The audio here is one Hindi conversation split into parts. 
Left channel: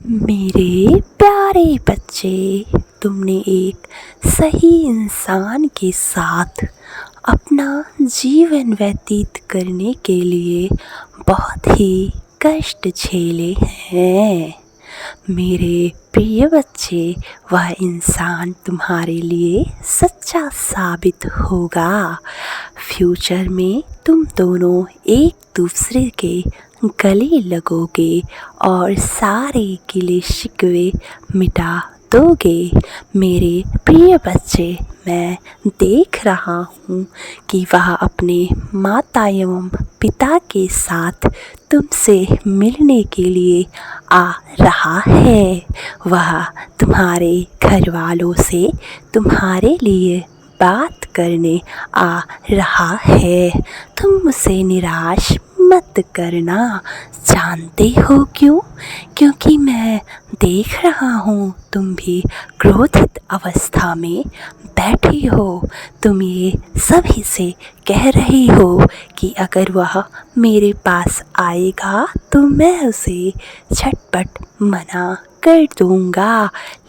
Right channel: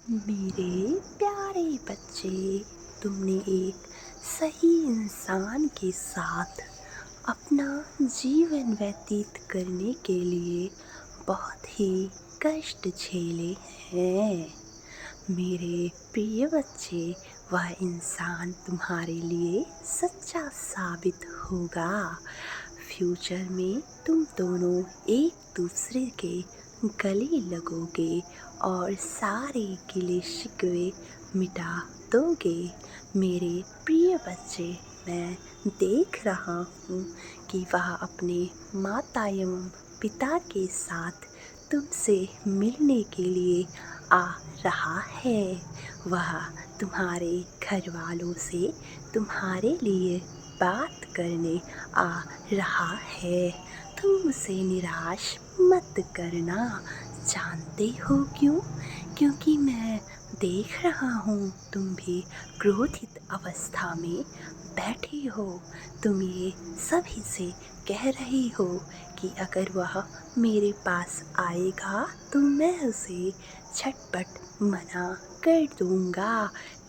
मेरे प्यारे बच्चे, तुमने एक सही इंसान के साथ अपना जीवन व्यतीत करने के लिए बहुत ही कष्ट झेले हैं। मेरे प्रिय बच्चे, वह इंसान तुम्हारे लिए सच्चा साबित होगा। फ्यूचर में तुम दोनों एक दूसरे के गले लगोगे और सारे गिले शिकवे मिटा दोगे। मेरे प्रिय बच्चे, मैं देख रहा हूँ कि वह अपने माता एवं पिता के साथ तुमसे मिलने के लिए आ रहा है। वह तुम्हारे घर वालों से तुम्हारे लिए बात करने आ रहा है। तुम उसे निराश मत करना। जानते हो क्यों? क्योंकि मैं देख रहा हूँ तुम भी क्रोधित अवस्था में बैठे हो। तुम ये सभी से कह रही हो कि अगर वह मेरे पास आएगा तो मैं उसे झटपट मना कर दूंगा।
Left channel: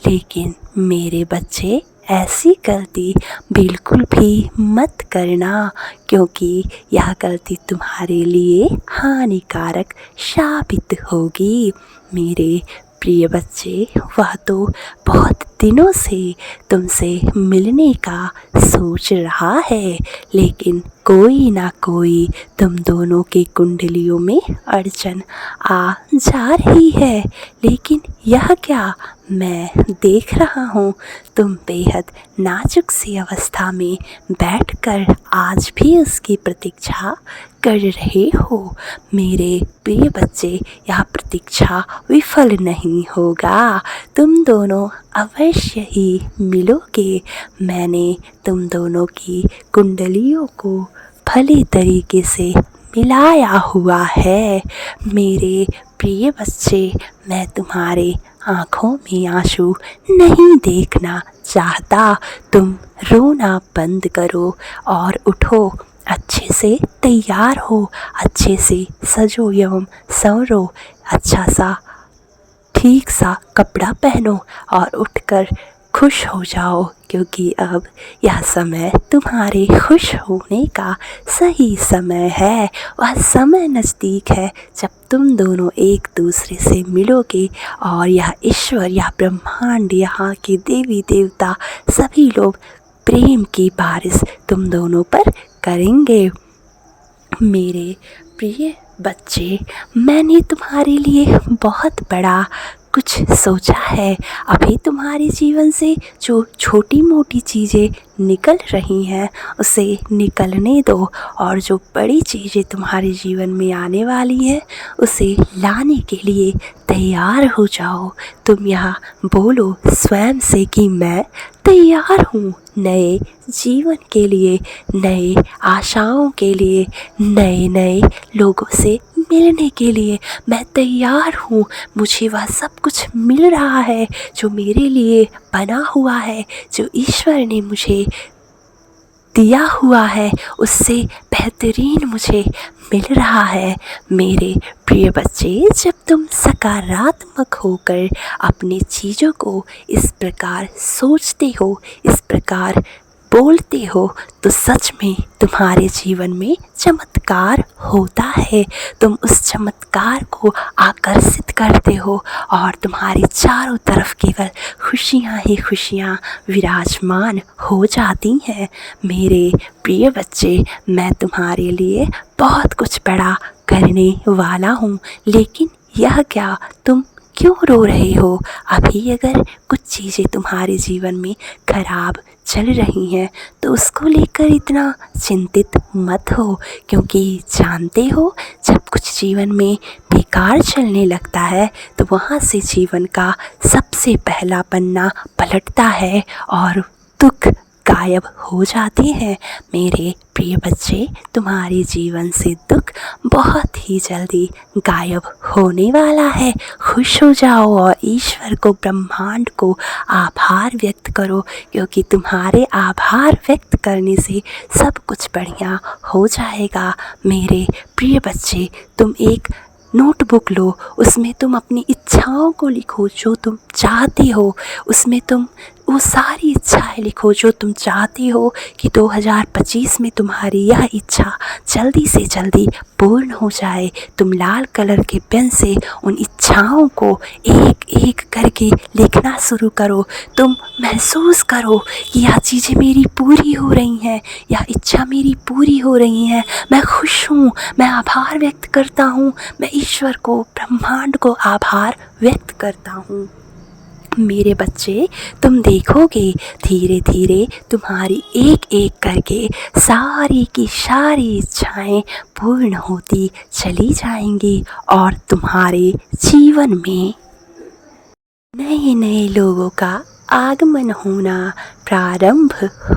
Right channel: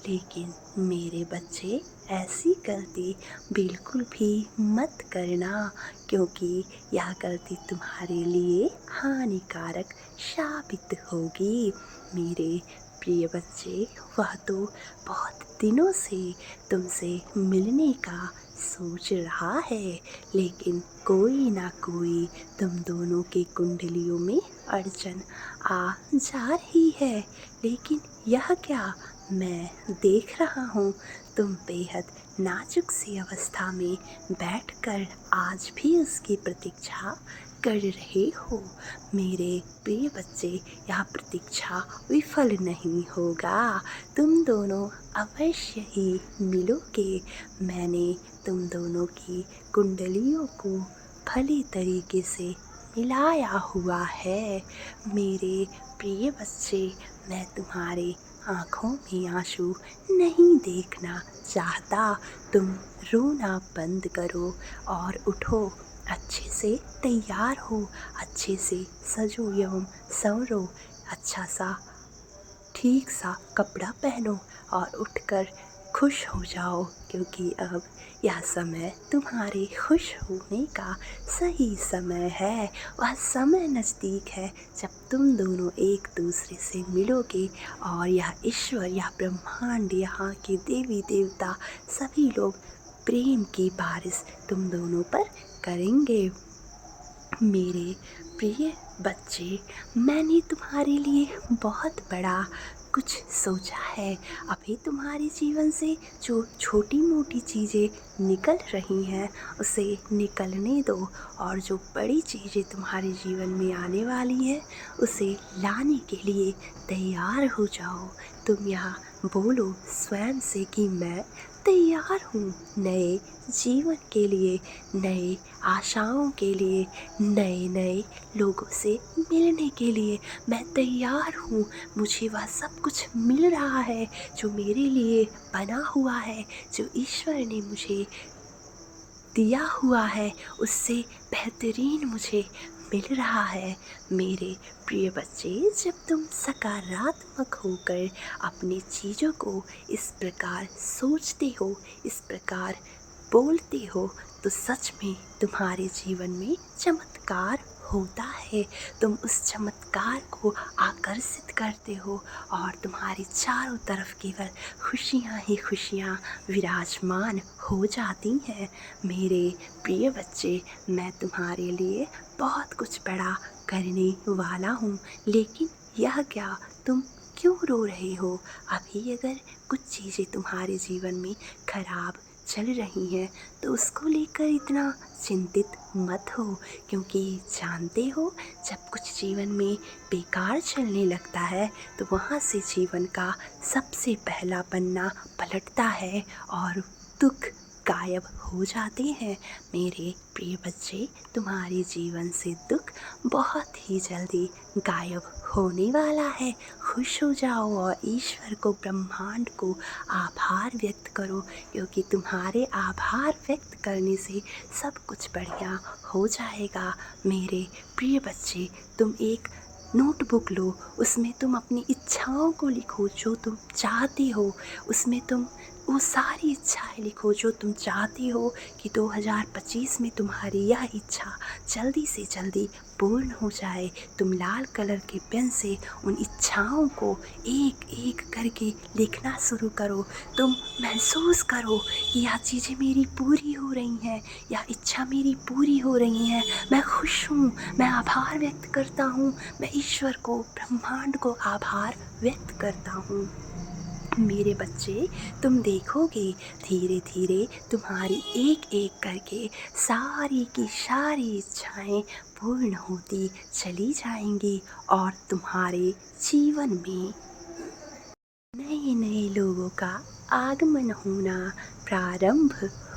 लेकिन मेरे बच्चे, ऐसी गलती बिल्कुल भी मत करना, क्योंकि यह गलती तुम्हारे लिए हानिकारक साबित होगी। मेरे प्रिय बच्चे, वह तो बहुत दिनों से तुमसे मिलने का सोच रहा है, लेकिन कोई ना कोई तुम दोनों के कुंडलियों में अड़चन आ जा रही है। लेकिन यह क्या, मैं देख रहा हूँ तुम बेहद नाजुक सी अवस्था में बैठकर आज भी उसकी प्रतीक्षा कर रहे हो। मेरे प्रिय बच्चे, यह प्रतीक्षा विफल नहीं होगा। तुम दोनों अवश्य ही मिलोगे। मैंने तुम दोनों की कुंडलियों को भली तरीके से मिलाया हुआ है। मेरे प्रिय बच्चे, मैं तुम्हारे आँखों में आंसू नहीं देखना चाहता। तुम रोना बंद करो और उठो, अच्छे से तैयार हो, अच्छे से सजो एवं संवरो, अच्छा सा ठीक सा कपड़ा पहनो और उठकर खुश हो जाओ, क्योंकि अब यह समय तुम्हारे खुश होने का सही समय है। वह समय नज़दीक है जब तुम दोनों एक दूसरे से मिलोगे और यह ईश्वर, यह ब्रह्मांड, यहाँ के देवी देवता सभी लोग प्रेम की बारिश तुम दोनों पर करेंगे। मेरे प्रिय बच्चे, मैंने तुम्हारे लिए बहुत बड़ा कुछ सोचा है। अभी तुम्हारे जीवन से जो छोटी मोटी चीज़ें निकल रही हैं उसे निकलने दो, और जो बड़ी चीज़ें तुम्हारे जीवन में आने वाली हैं उसे लाने के लिए तैयार हो जाओ। तुम यहाँ बोलो स्वयं से कि मैं तैयार हूँ नए जीवन के लिए, नए आशाओं के लिए, नए नए लोगों से मिलने के लिए। मैं तैयार हूँ। मुझे वह सब कुछ मिल रहा है जो मेरे लिए बना हुआ है, जो ईश्वर ने मुझे दिया हुआ है, उससे बेहतरीन मुझे मिल रहा है। मेरे प्रिय बच्चे, जब तुम सकारात्मक होकर अपनी चीज़ों को इस प्रकार सोचते हो, इस प्रकार बोलते हो, तो सच में तुम्हारे जीवन में चमत्कार होता है। तुम उस चमत्कार को आकर्षित करते हो और तुम्हारे चारों तरफ केवल खुशियाँ ही खुशियाँ विराजमान हो जाती हैं। मेरे प्रिय बच्चे, मैं तुम्हारे लिए बहुत कुछ बड़ा करने वाला हूँ। लेकिन यह क्या, तुम क्यों रो रहे हो? अभी अगर कुछ चीज़ें तुम्हारे जीवन में खराब चल रही हैं तो उसको लेकर इतना चिंतित मत हो, क्योंकि जानते हो जब कुछ जीवन में बेकार चलने लगता है तो वहाँ से जीवन का सबसे पहला पन्ना पलटता है और दुख गायब हो जाते हैं। मेरे प्रिय बच्चे, तुम्हारे जीवन से दुख बहुत ही जल्दी गायब होने वाला है। खुश हो जाओ और ईश्वर को, ब्रह्मांड को आभार व्यक्त करो, क्योंकि तुम्हारे आभार व्यक्त करने से सब कुछ बढ़िया हो जाएगा। मेरे प्रिय बच्चे, तुम एक नोटबुक लो, उसमें तुम अपनी इच्छाओं को लिखो जो तुम चाहती हो। उसमें तुम वो सारी इच्छाएं लिखो जो तुम चाहती हो कि 2025 में तुम्हारी यह इच्छा जल्दी से जल्दी पूर्ण हो जाए। तुम लाल कलर के पेन से उन इच्छाओं को एक एक करके लिखना शुरू करो। तुम महसूस करो कि यह चीज़ें मेरी पूरी हो रही हैं, यह इच्छा मेरी पूरी हो रही है। मैं खुश हूँ, मैं आभार व्यक्त करता हूँ, मैं ईश्वर को, ब्रह्मांड को आभार व्यक्त करता हूँ। मेरे बच्चे, तुम देखोगे धीरे धीरे तुम्हारी एक एक करके सारी की सारी इच्छाएं पूर्ण होती चली जाएंगी और तुम्हारे जीवन में नए नए लोगों का आगमन होना प्रारंभ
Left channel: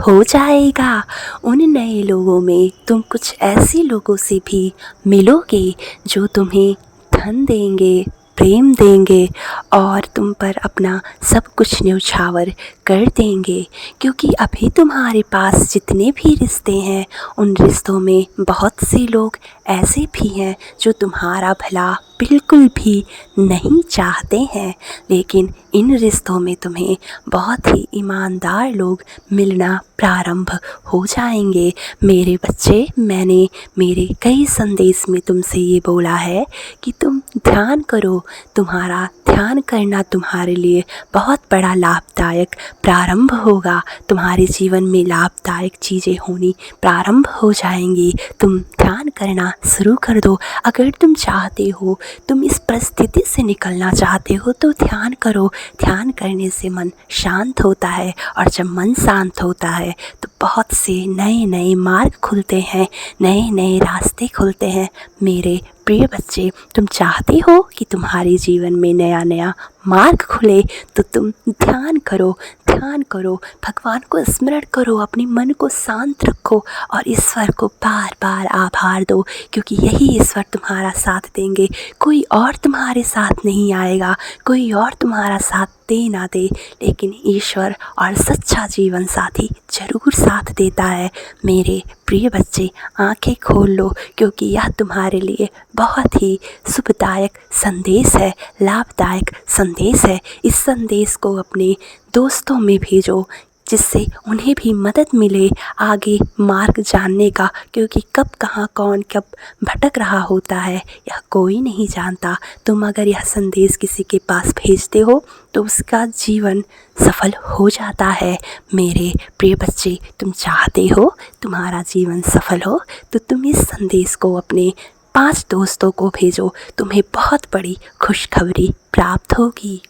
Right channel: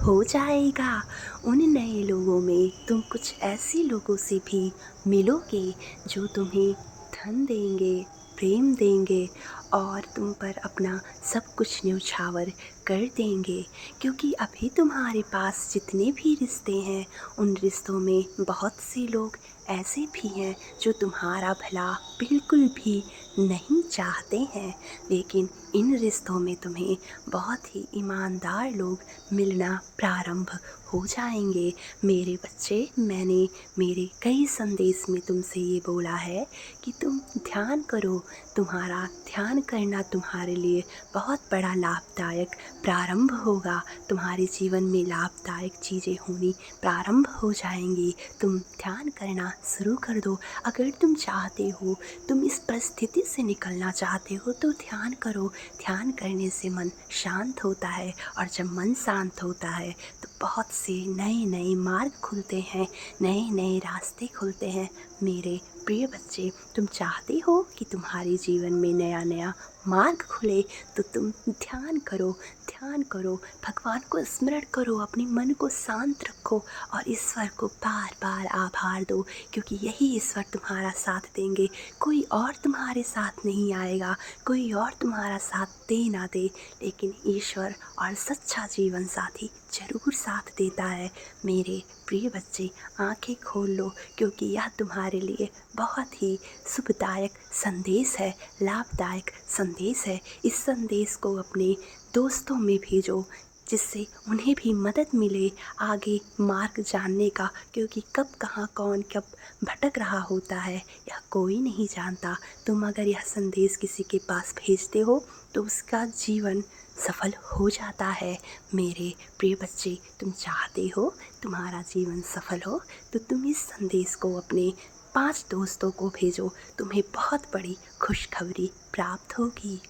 हो जाएगा। उन नए लोगों में तुम कुछ ऐसे लोगों से भी मिलोगे जो तुम्हें धन देंगे, प्रेम देंगे और तुम पर अपना सब कुछ न्यौछावर कर देंगे। क्योंकि अभी तुम्हारे पास जितने भी रिश्ते हैं उन रिश्तों में बहुत से लोग ऐसे भी हैं जो तुम्हारा भला बिल्कुल भी नहीं चाहते हैं, लेकिन इन रिश्तों में तुम्हें बहुत ही ईमानदार लोग मिलना प्रारंभ हो जाएंगे। मेरे बच्चे, मैंने मेरे कई संदेश में तुमसे ये बोला है कि तुम ध्यान करो। तुम्हारा ध्यान करना तुम्हारे लिए बहुत बड़ा लाभदायक प्रारंभ होगा। तुम्हारे जीवन में लाभदायक चीज़ें होनी प्रारंभ हो जाएंगी। तुम ध्यान करना शुरू कर दो। अगर तुम चाहते हो, तुम इस परिस्थिति से निकलना चाहते हो तो ध्यान करो। ध्यान करने से मन शांत होता है और जब मन शांत होता है तो बहुत से नए नए मार्ग खुलते हैं, नए नए रास्ते खुलते हैं। मेरे प्रिय बच्चे, तुम चाहते हो कि तुम्हारे जीवन में नया नया मार्ग खुले तो तुम ध्यान करो, ध्यान करो, भगवान को स्मरण करो, अपने मन को शांत रखो और ईश्वर को बार बार आभार दो, क्योंकि यही ईश्वर तुम्हारा साथ देंगे। कोई और तुम्हारे साथ नहीं आएगा, कोई और तुम्हारा साथ दे ना दे, लेकिन ईश्वर और सच्चा जीवन साथी जरूर साथ देता है। मेरे प्रिय बच्चे, आंखें खोल लो, क्योंकि यह तुम्हारे लिए बहुत ही शुभदायक संदेश है, लाभदायक संदेश है। इस संदेश को अपने दोस्तों में भेजो जिससे उन्हें भी मदद मिले आगे मार्ग जानने का, क्योंकि कब कहाँ कौन कब भटक रहा होता है यह कोई नहीं जानता। तुम अगर यह संदेश किसी के पास भेजते हो तो उसका जीवन सफल हो जाता है। मेरे प्रिय बच्चे, तुम चाहते हो तुम्हारा जीवन सफल हो तो तुम इस संदेश को अपने 5 दोस्तों को भेजो, तुम्हें बहुत बड़ी खुशखबरी प्राप्त होगी।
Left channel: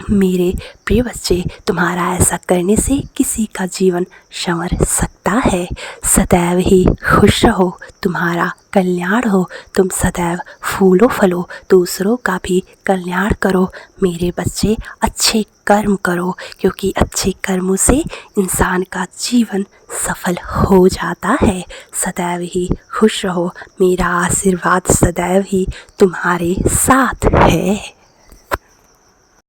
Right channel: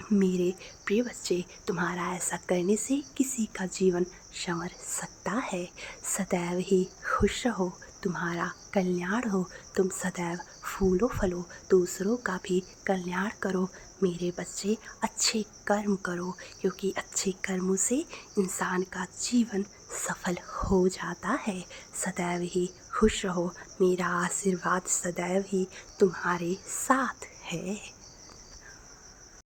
मेरे प्रिय बच्चे, तुम्हारा ऐसा करने से किसी का जीवन संवर सकता है। सदैव ही खुश रहो, तुम्हारा कल्याण हो, तुम सदैव फूलो फलो, दूसरों का भी कल्याण करो। मेरे बच्चे, अच्छे कर्म करो, क्योंकि अच्छे कर्मों से इंसान का जीवन सफल हो जाता है। सदैव ही खुश रहो, मेरा आशीर्वाद सदैव ही तुम्हारे साथ है।